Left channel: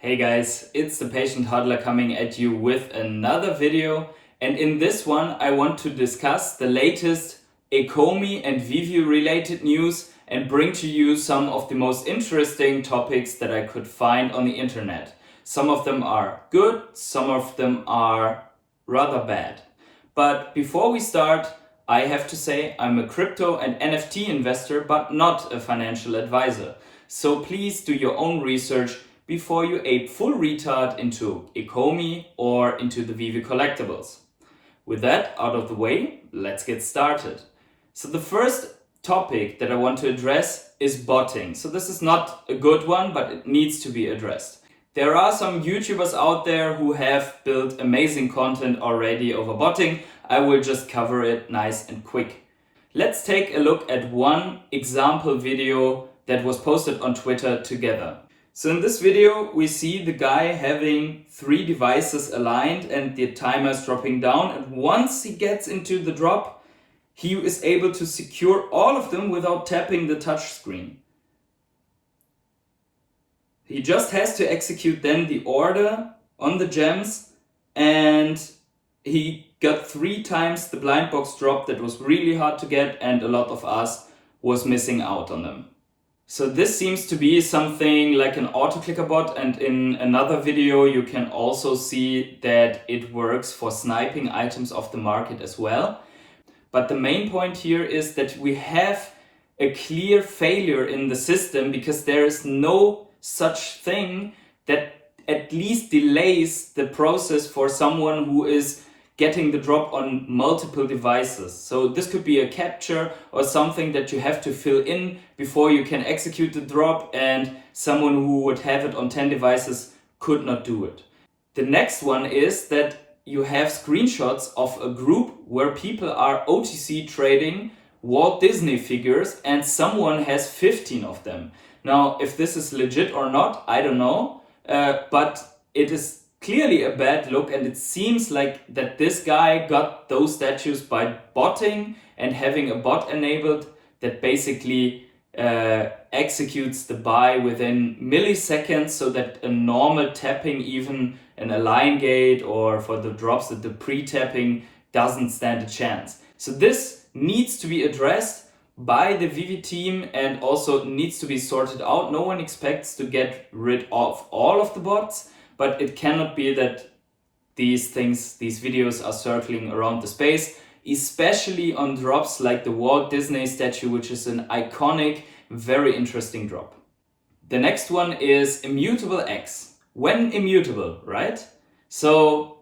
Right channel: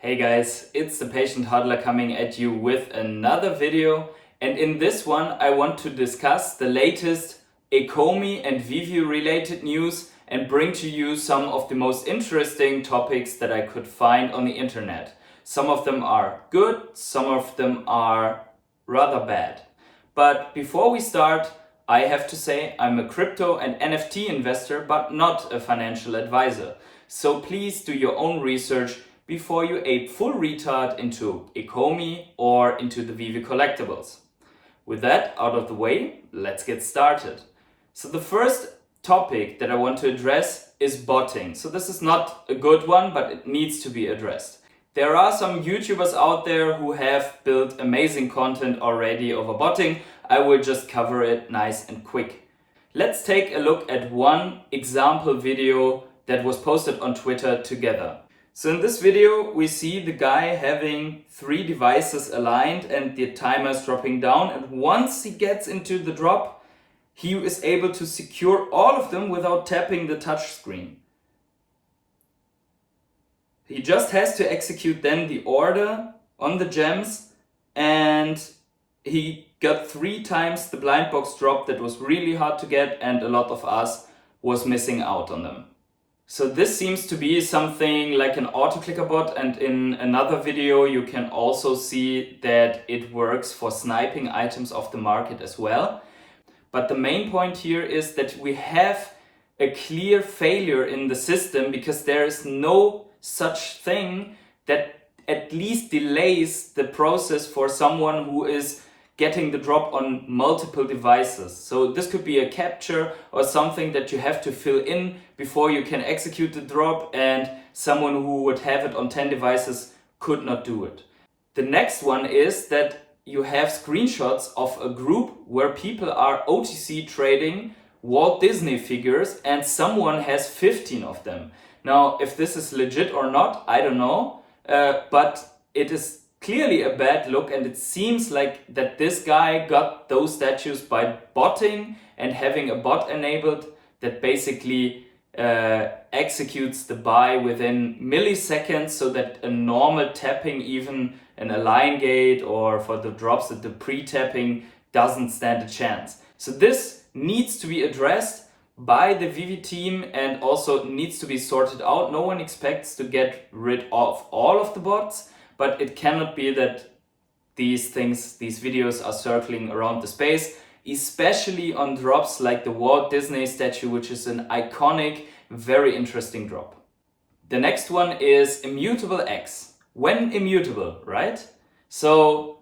Hey guys, it's the Patient Hodler coming at you with another video, and in this one I want to discuss the latest Ecomi and Veve related news and bring to you some of the most interesting topics that I could find on the internet. Some of them are good, some of them are rather bad. But before we start, I have to say I'm a crypto and NFT investor but not a financial advisor. So please do your own research before you ape full retard into Ecomi or into the Veve collectibles. With that out of the way, let's get started. So the first topic that I want to address is botting. So this is not a good one, but it needs to be addressed. There are some YouTubers out there who have built amazing content already over botting. I will just cover it nice and quick. Let's take a look at one example video that was posted on Twitter together. So in this video, we see the guy having 3 devices aligned and the timer is dropping down. And once he gets into the drop, he is able to secure all of them without tapping the touch screen. He just has to execute then the order on the gems, and he got 3 times the blind box drop that was really hard to get, and a lot of us was missing out on them. So this seems to be something like an auto-clicker bot, and in another video you can also see that it works for sniping items off the market as well. But the main point here is that we have a clear failure in the system because there is no such thing that at least delays the process for someone who is getting the drop on multiple devices. So this could be a capture or something that you have to fill in before you can execute the drop, and someone who would have it on 10 devices could not do it. The next one is that you have screenshots of a group where people are OTC trading Walt Disney figures and someone has 15 of them. Now, if this is legit or not, I don't know, but it is clearly a bad look, and it seems like that this guy got those statues by botting and having a bot enabled that basically executes the buy within milliseconds, so that a normal tapping, even an align gate or for the drops at the pre-tapping, doesn't stand a chance. So this needs to be addressed by the Veve team and also needs to be sorted out. No one expects to get rid of all of the bots, but it cannot be that these videos are circling around the space, especially on drops like the Walt Disney statue, which is an iconic, very interesting drop. The next one is Immutable X. When immutable, right? So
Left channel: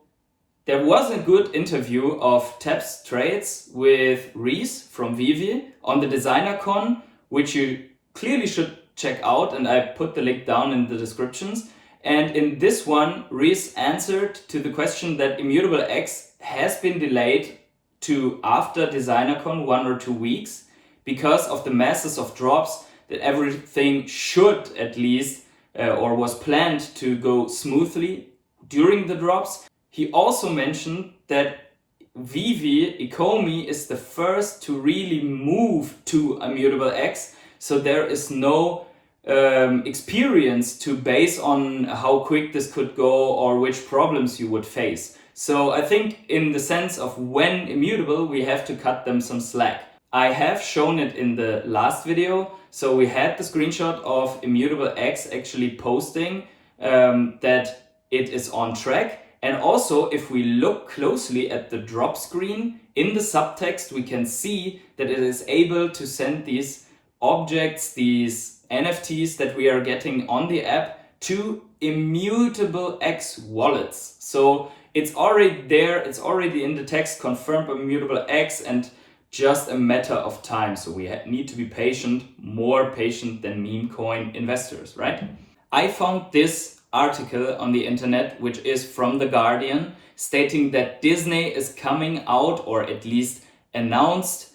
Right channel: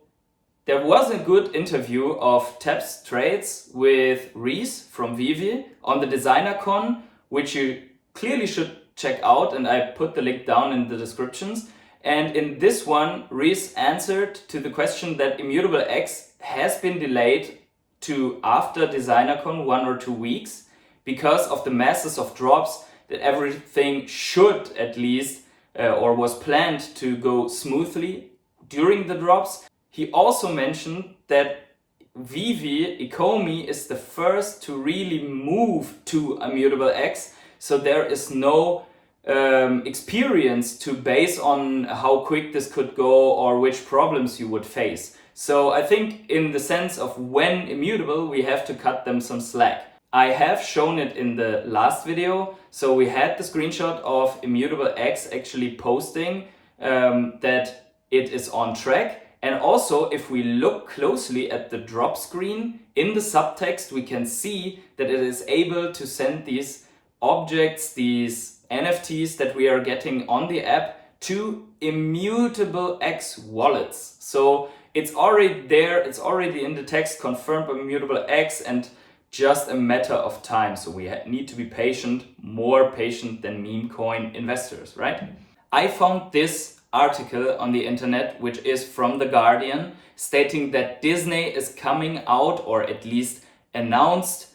there was a good interview of Taps Trades with Reese from Veve on the Designer Con, which you clearly should check out, and I put the link down in the descriptions. And in this one, Reese answered to the question that Immutable X has been delayed to after DesignerCon 1 or 2 weeks because of the masses of drops, that everything should at least or was planned to go smoothly during the drops. He also mentioned that Veve Ecomi is the first to really move to Immutable X, so there is no experience to base on how quick this could go or which problems you would face. So I think in the sense of when immutable, we have to cut them some slack. I have shown it in the last video. So we had the screenshot of Immutable X actually posting that it is on track. And also, if we look closely at the drop screen, in the subtext we can see that it is able to send these objects, these NFTs that we are getting on the app, to Immutable X wallets. So it's already there, it's already in the text, confirmed by Immutable X, and just a matter of time. So we need to be patient, more patient than meme coin investors, right? I found this article on the internet, which is from The Guardian, stating that Disney is coming out, or at least announced,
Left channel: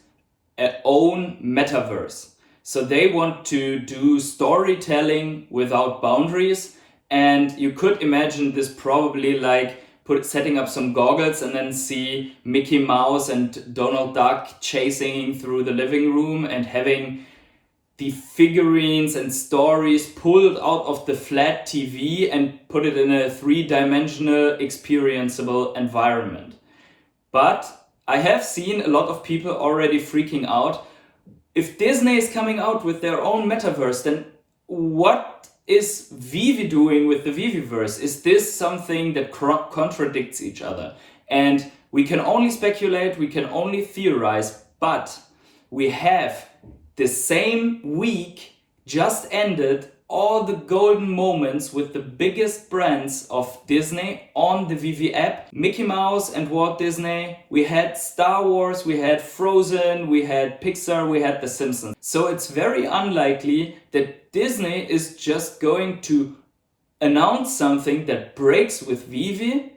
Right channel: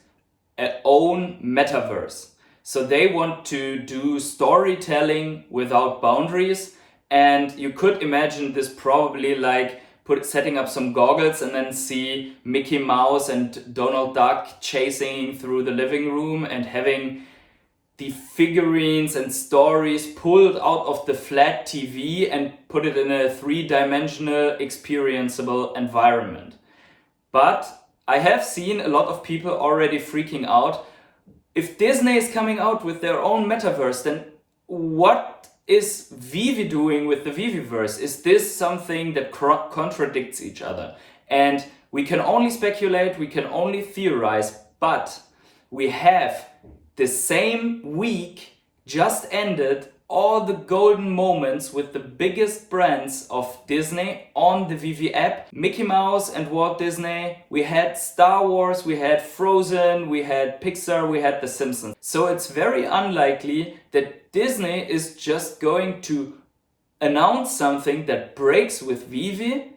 an own Metaverse. So they want to do storytelling without boundaries, and you could imagine this probably like setting up some goggles and then see Mickey Mouse and Donald Duck chasing through the living room and having the figurines and stories pulled out of the flat TV and put it in a 3-dimensional experienceable environment. But I have seen a lot of people already freaking out. If Disney is coming out with their own metaverse, then what is Veve doing with the VEVEVERSE? Is this something that contradicts each other? And we can only speculate, we can only theorize, but we have the same week just ended all the golden moments with the biggest brands of Disney on the Veve app. Mickey Mouse and Walt Disney. We had Star Wars, we had Frozen, we had Pixar, we had The Simpsons. So it's very unlikely that Disney is just going to announce something that breaks with Veve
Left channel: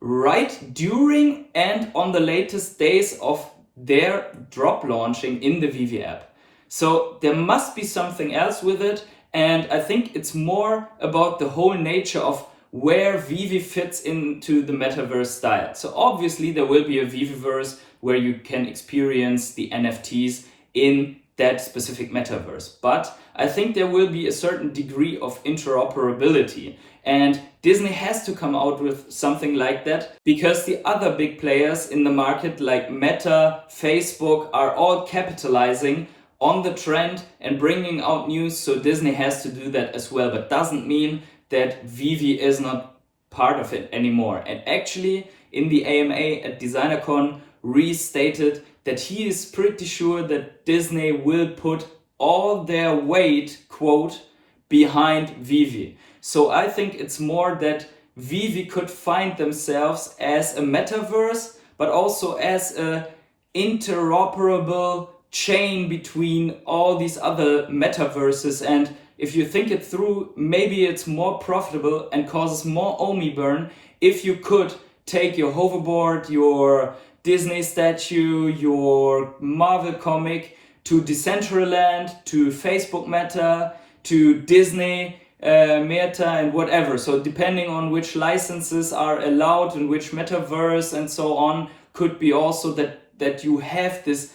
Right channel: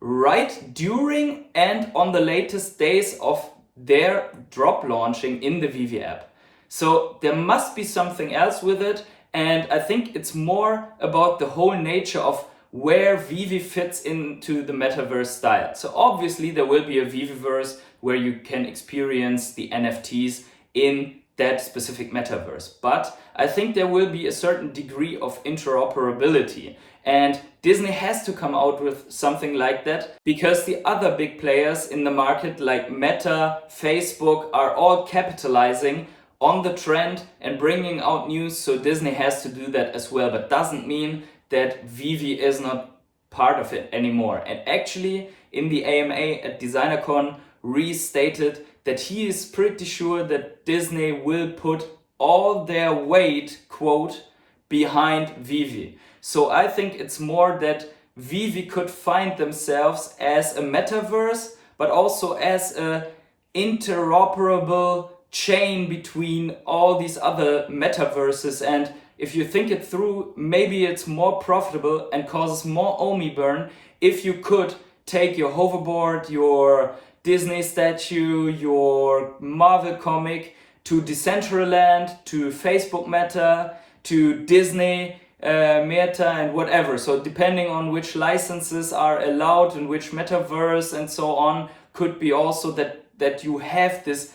right during and on the latest days of their drop launching in the Veve app. So there must be something else with it, and I think it's more about the whole nature of where Veve fits into the metaverse style. So obviously there will be a VEVEVERSE where you can experience the NFTs in that specific metaverse. But I think there will be a certain degree of interoperability. And Disney has to come out with something like that because the other big players in the market like Meta, Facebook are all capitalizing on the trend and bringing out news, so Disney has to do that as well, but doesn't mean that Veve is not part of it anymore. And actually in the AMA at DesignerCon, Reese stated that he is pretty sure that Disney will put all their weight, quote, behind Veve. So I think it's more that Veve could find themselves as a metaverse, but also as a interoperable chain between all these other metaverses. And if you think it through, maybe it's more profitable and causes more OMI burn if you could take your hoverboard, your Disney statue, your Marvel comic to Decentraland, to Facebook Meta, to Disney Meta and whatever. So depending on which licenses are allowed in which metaverse and so on, could be also that you have this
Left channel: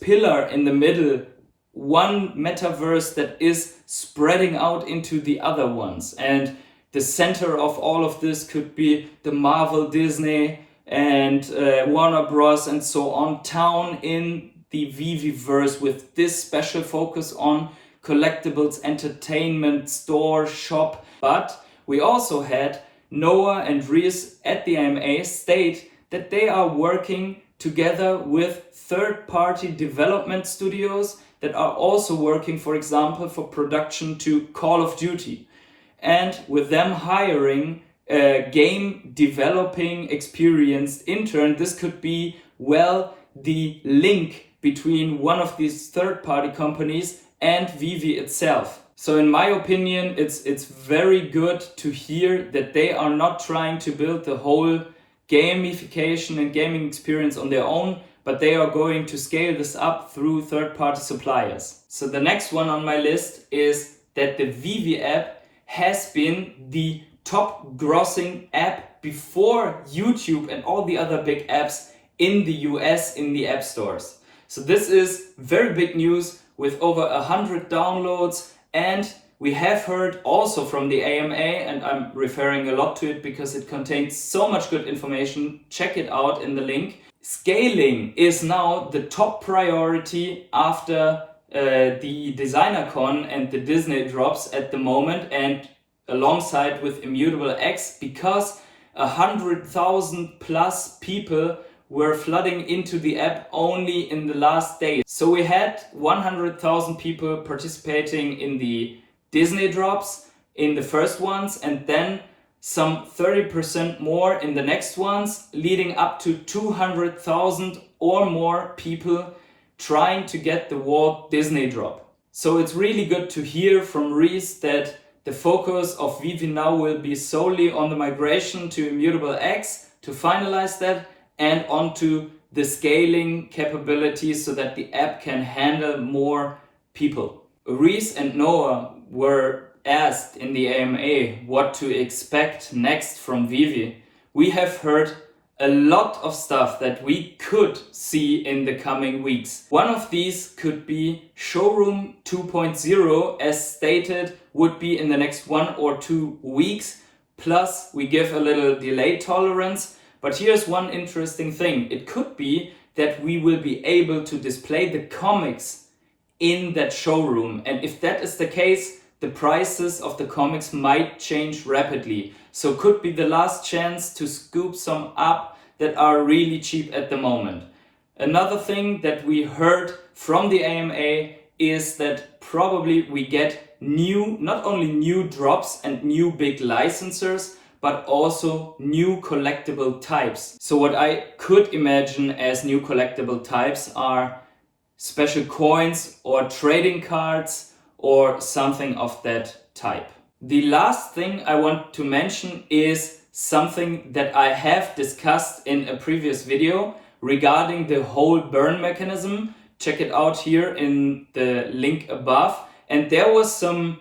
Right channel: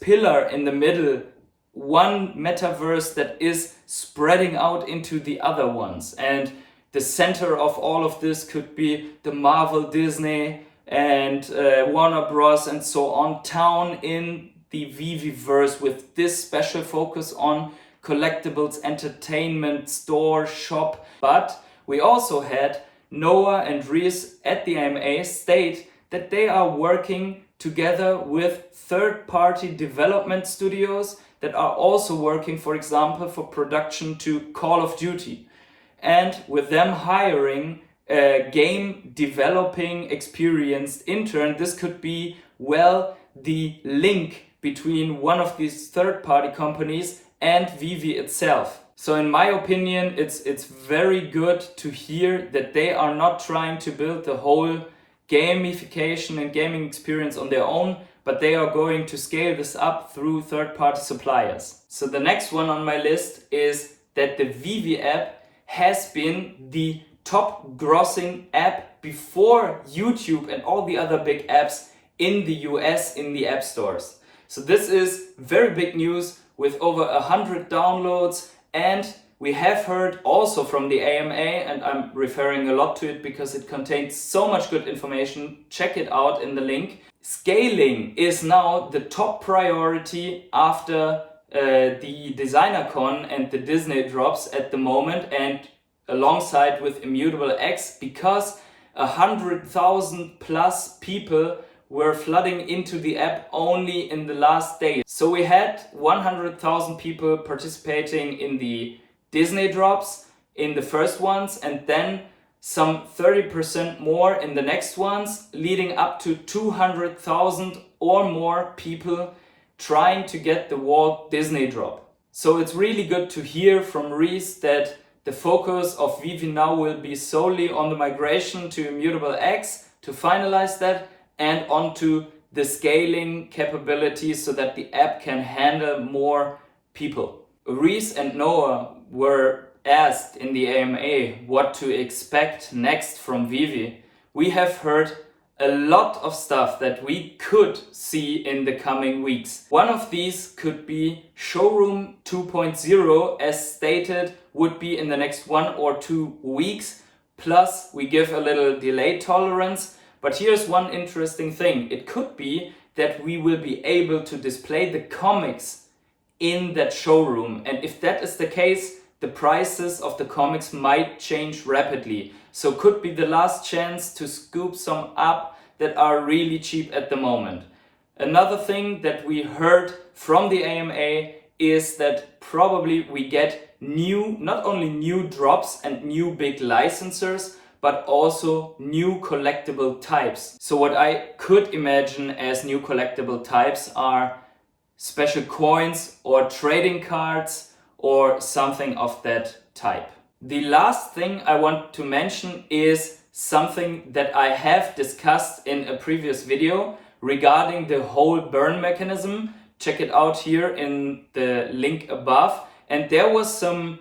pillar in the middle, one metaverse that is spreading out into the other ones. And the center of all of this could be the Marvel, Disney and Warner Bros. And so on town in the VEVEVERSE with this special focus on collectibles, entertainment, store, shop. But we also had Noah and Reese at the AMA state that they are working together with third-party development studios that are also working, for example, for production to Call of Duty. And with them hiring a game developing experienced intern, this could be, well, the link between one of these third-party companies and Veve itself. So in my opinion, it's very good to hear that they are not trying to build the whole gamification and gaming experience on their own, but they are going to scale this up through third-party suppliers. So the next one on my list is that the Veve app has been the top grossing app before YouTube and all the other big apps in the US in the app stores. So this is very big news with over 100 downloads, and we have heard also from the AMA, and I'm referring a lot to it because it contains so much good information. Check it out in the link. Scaling is now the top priority after the DesignerCon and the Disney drops at the moment, and alongside with Immutable X, because 100,000 plus people were flooding into the app only in the last day. So we had 100,000 people participating in the Disney drops in the first ones, and then some 30% more in the next ones, leading up to 200,000 or more people trying to get the Walt Disney drop. So it's really good to hear from Reese that the focus of Veve now will be solely on the migration to Immutable X to finalize that, and onto the scaling capabilities so that the app can handle more people. Reese and Noah were asked in the AMA what to expect next from Veve. We have heard a lot of stuff that we could see in the coming weeks. One of these could be Showroom 2.0, as stated, would be in the next 1 or 2 weeks. Plus, we give a little delay tolerance. But here's one interesting thing. It could be that we will be able to display the comics in that showroom. And if that is the case, the prices of the comics might change rapidly. So could be the last chance to scoop some up that are really cheap at the moment. Another thing that we heard from the AMA is that probably we get not only new drops and new big licensors, but also new collectible types. So what I could imagine as new collectible types are special coins or trading cards or something of that type. The last thing I want to mention is something that I have discussed in a previous video regarding the whole burn mechanism. Check it out here in the link above. And there was some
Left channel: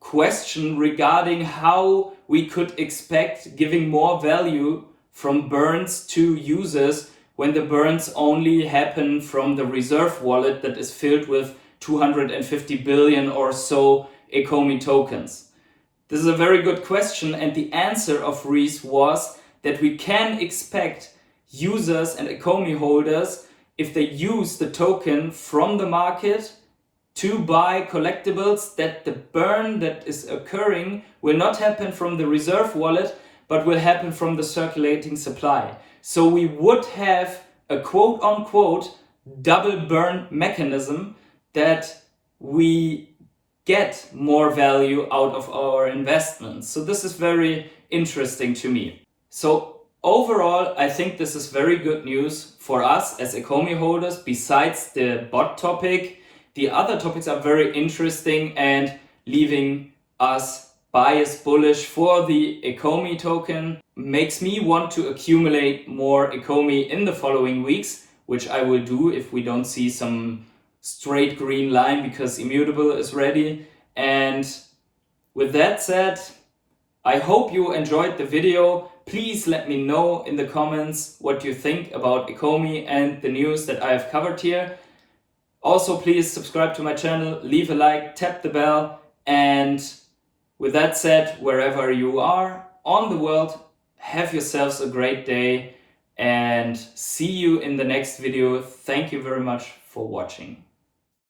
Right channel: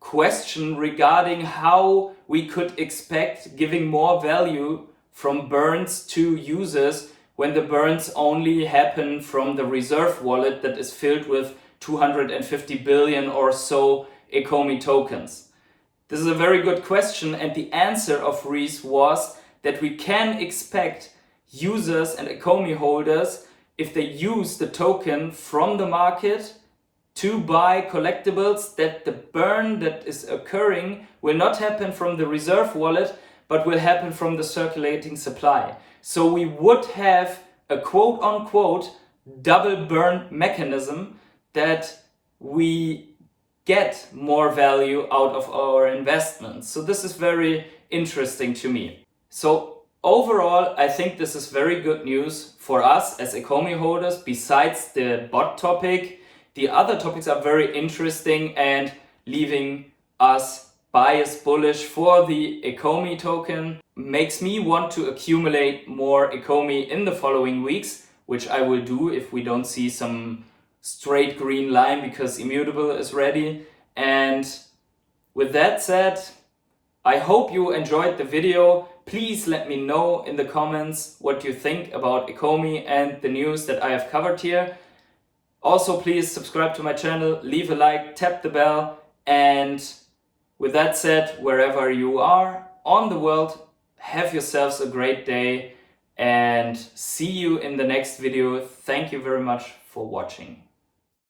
question regarding how we could expect giving more value from burns to users when the burns only happen from the reserve wallet that is filled with 250 billion or so Ecomi tokens. This is a very good question, and the answer of Reese was that we can expect users and Ecomi holders, if they use the token from the market to buy collectibles, that the burn that is occurring will not happen from the reserve wallet, but will happen from the circulating supply. So we would have a quote-unquote double burn mechanism that we get more value out of our investments. So this is very interesting to me. So overall, I think this is very good news for us as Ecomi holders. Besides the bot topic, the other topics are very interesting and leaving us biased bullish for the Ecomi token. Makes me want to accumulate more Ecomi in the following weeks, which I will do if we don't see some straight green line because Immutable is ready. And with that said, I hope you enjoyed the video. Please let me know in the comments what you think about Ecomi and the news that I have covered here. Also, please subscribe to my channel, leave a like, tap the bell, and with that said, wherever you are on the world, have yourselves a great day and see you in the next video. Thank you very much for watching.